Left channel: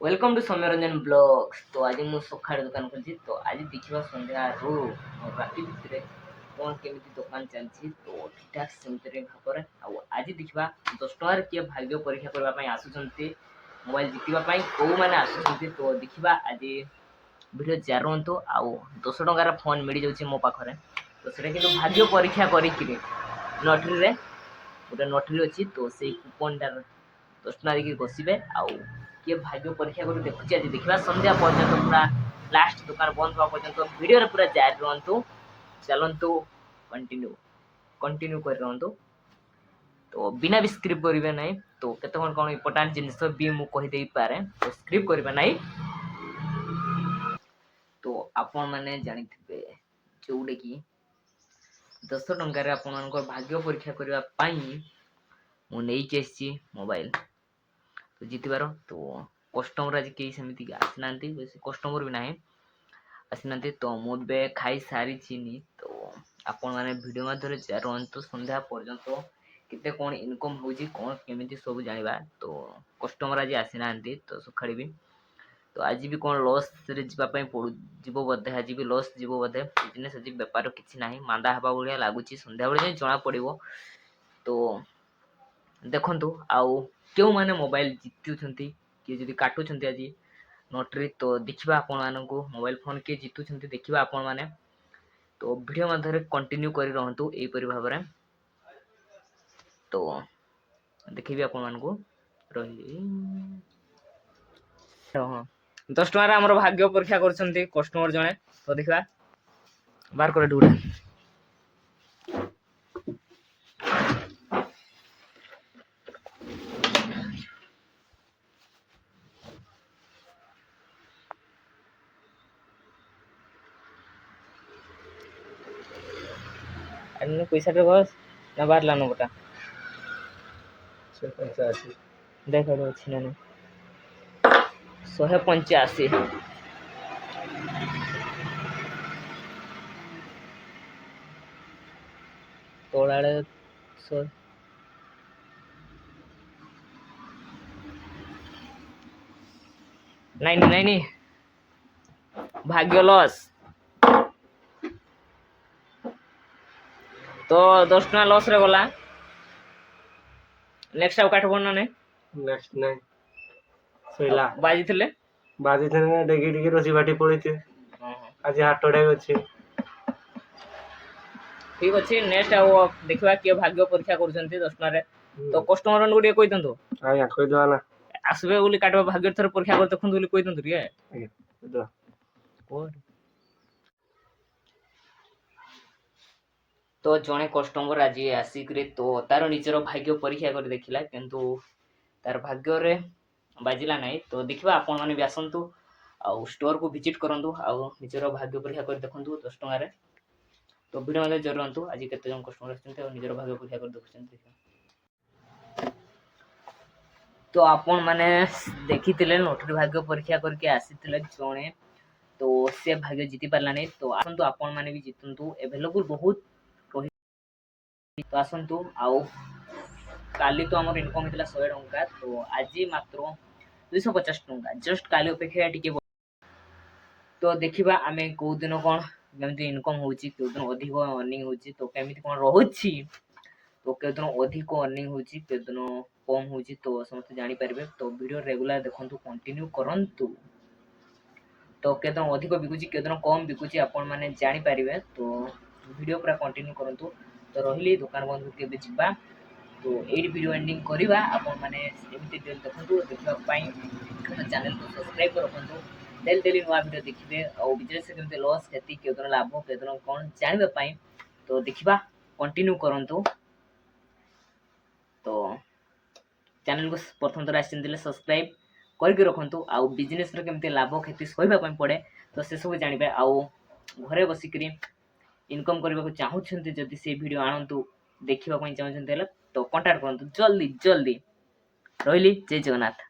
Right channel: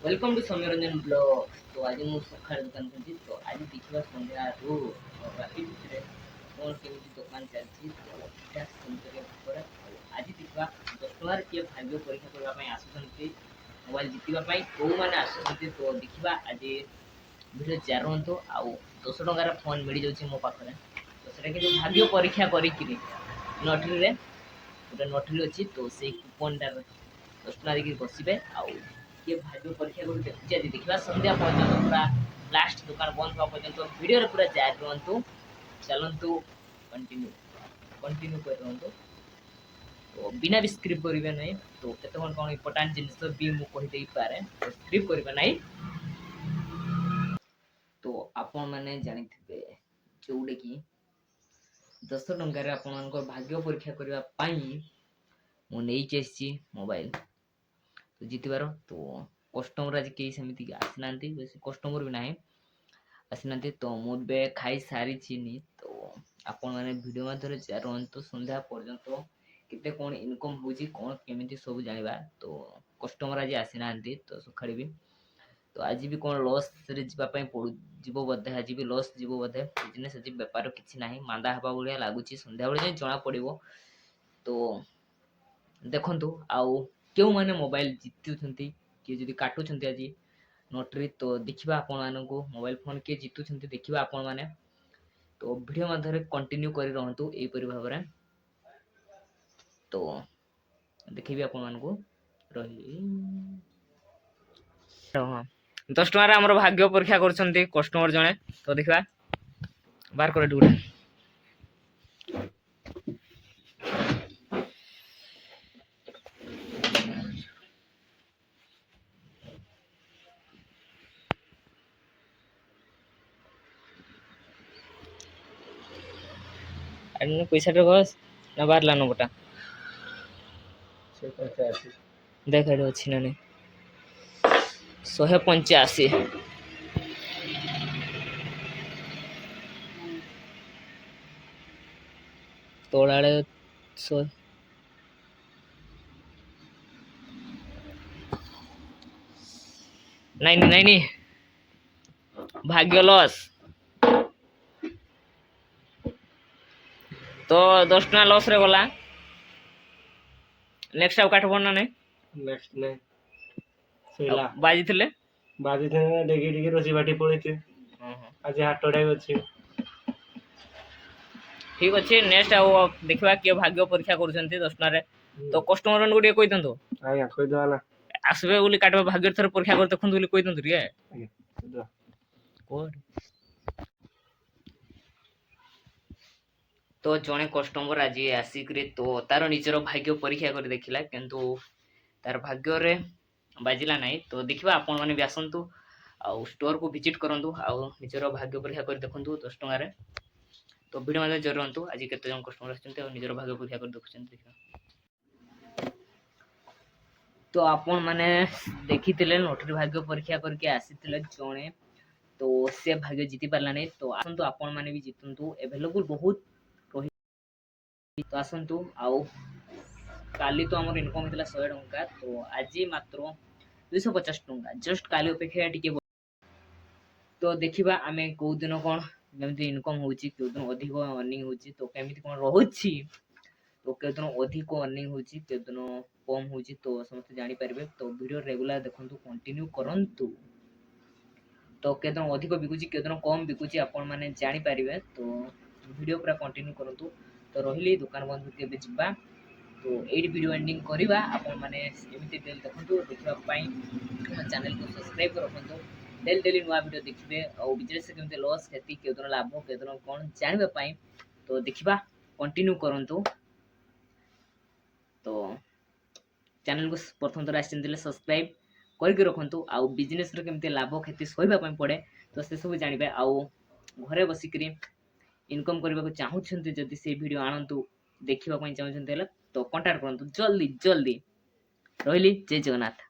Welcome to Saumya Ranjan blogs. तो आज मुझे सकाळ दुकान कर तो आज देखा सन्ध्या राति भितर कौन केमी दुकान चलती तो ठीक सेमती भाव आज देखा 10 टकर किए भाग्य परीक्षा करने आसुँच मोबाइल जितवाई कौ मैंने आसुँच तो देखा आज भिडियो जारी रुहतु आउ 10 टकार फोन मिल जाऊँ मो पाखे तो से भाग्य परीक्षा करी लटरी गोटे लटरी अच्छी तो से कूपनटार 10 टका देखिए बसवे आउ किए भाग्य परीक्षा कर देखुची आज देखा सन्ध्या पर्यटन पूरा लास्ट दुकान बंद हुआ पर्यटन भिडियो पूरा जारी रुहतु चलतु कंटिन्यू कंटिन्यू कर रुहतु तो बिना भी स्क्रिप्ट करेंगे ना तो केत कौन इम्पोर्टाट जिनस भी मुझे पारे तो स्क्रिप्ट करेंगे ना तो आपण मैंने जानी जोटे कि 10 टकर आपण भाग्य परीक्षा करने मुझे मोबाइल तो जितबार तो कस्टमर आज कई सेमती आसी ना कस्टमर भी ना आसी ना तो मुझे खाई सारी तो आपण मैंने वीडियो मध्य रुहतु सन्ध्या पर्यंत केते कौन इनकम हो कौन केमी सब जाना तो कस्टमर आज आसी ना तो सका भी तो आज भी कौन लॉस रे जावाई जीव बोधे आज भी लॉस जीव बोधे बिजनेस आज बेपार किसी ना मांदा हवा भाया लगुच सन्ध्या बेले जना पड़ो तो देखु आउ क्यों मैंने मोबाइल जीतुं किए जब काटुं आज नोटरी तो देखा आपण मोबाइल फोन किए जीतुं देखा आपण मैंने तो वीडियो मध्य कंटिन्यू कर रुहतु यहीपरि भाव में तो देखी आपण मानक रही 10 टकर आम भाग्य परीक्षा कर कस्टमर जड़े तो देखा बार कर ड्यूटी पैसा टे बस ना बार लानो बटा देख अच्छी ना 185 तोड़ा नहीं भाग्य लॉस तो 10 टका लॉस रे गला नेक्स्ट आउ काट पड़ना नहीं नेक्स्ट नहीं सैला बाजी थे डेगी डेगी रोसी बाटी पड़ी थे आज हाटोडे अच्छे ठीक अच्छे नेक्स्ट आउ देखा किए भाग्य परीक्षा कर 10 टका तो कस्टमर को कही दिंतु आज्ञा कही दवा ना आसबे बोली काटवा भाग्य थर परीक्षा कर देखु बोली कही दिंतु रे तो जड़े कस्टमर आज आसिक तो तार निजर भाग्य परीक्षा कर देखला किंतु तार भाग्य रे बाजिला नहीं तो देखा आपण मैंने भी आसतु आउ स्टोर को विजिट करूँ आउ निजर भाग्य परीक्षा कर देखूँ 10 टकर तो भिड मध्य जरूरतु आज केत जन कस्टमर आजर भाग्य परीक्षा कर देखुं तो आपण मैंने देखी लटरी भाग्य परीक्षा करके आसी जड़े तो से भाग्य जीति पारा नहीं तो आसतु आपण मैंने भी जीतु एभेलेबुल बहुत तो आसतु आउ काली तो आम इनकम होता 100 टंका तो आज मात्र 250 टंका जस्ट काली अपेक्षा टी तो देखा आम कौ दिन कौन जमी इनकम हो दिन अधिक अर्निंग हो तो केमी कौन रोचे तो कौ दिन अधिक अर्निंग हो दिन कम हो तो समस्त जापर तो वीडियो रेगुलर देखु कंटिन्यू करूँ तो कौ दिन अधिक बिकुची कौ दिन कम बिकुची आपण मैंने जापर तो वीडियो पूरा कंटिन्यू करूँ तो रही दुकान बंद के जा तो ये वीडियो एंडिंग करवा आपण मैंने एमती देखु देखापी चैनल को सब्सक्राइब कर रखु डेली डेली नुआ वीडियो देखिए और बिजनेस केमती लॉस क्षति कौ दिन लाभ कौ दिन कौन जानापी तो देखा कंटिन्यू करूँ तो चैनल को प्रथम थर आसते सब्सक्राइब करके रखु आउ बिजनेस केमती लाभ क्षति सहवाई पड़े तो से सब जाने आउ घरे बसिक इनकम करने को चाहते जदि से वीडियो आणतु देखा चाहते तो कांटेक्ट करूँ जल्दी जल्दी रही जय जगन्नाथ।